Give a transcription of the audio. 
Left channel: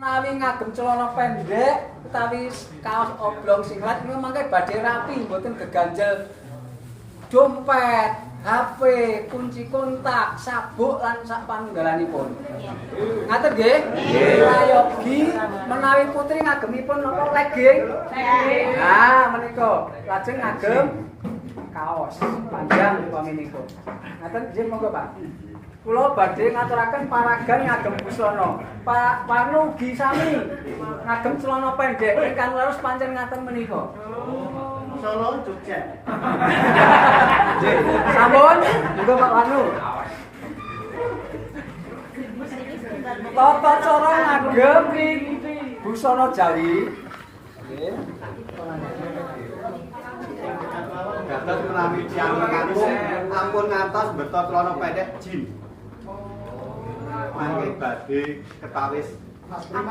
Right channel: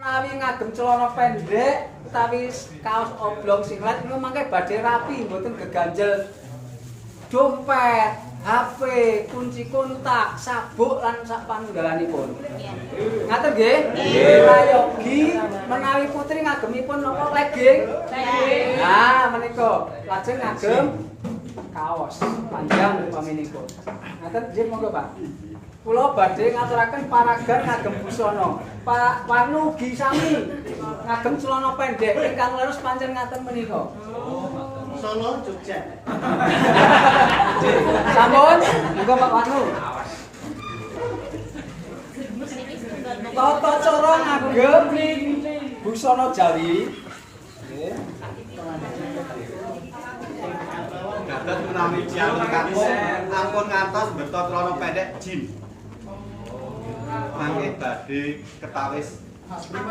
Menawi ngagem celana pendek utawi kaos oblong singlet niku mangke badhe rapi mboten geganjel dompet, HP, kunci kontak, sabuk lan sak panunggalanipun. Ngaten nggih? Nggih. Prayogi menawi putri ngagemipun napa legging? Legging. Nah, menika lajeng ngagem kaos panjang upaminipun. Ngaten nggih monggo, Pak. Kula badhe ngaturaken paragan ngagem busana. Pak Warnu ugi sami ngagem celana pendek ingkang leres pancen ngaten menika. Solo Jogja. Sampun, monggo Pak Warnu. Tata cara ngagem busana Jawi. Nggih. Dados menawi tiyang kampung ampun ngantos beto celana pendek jim. Mangke badhe ketawis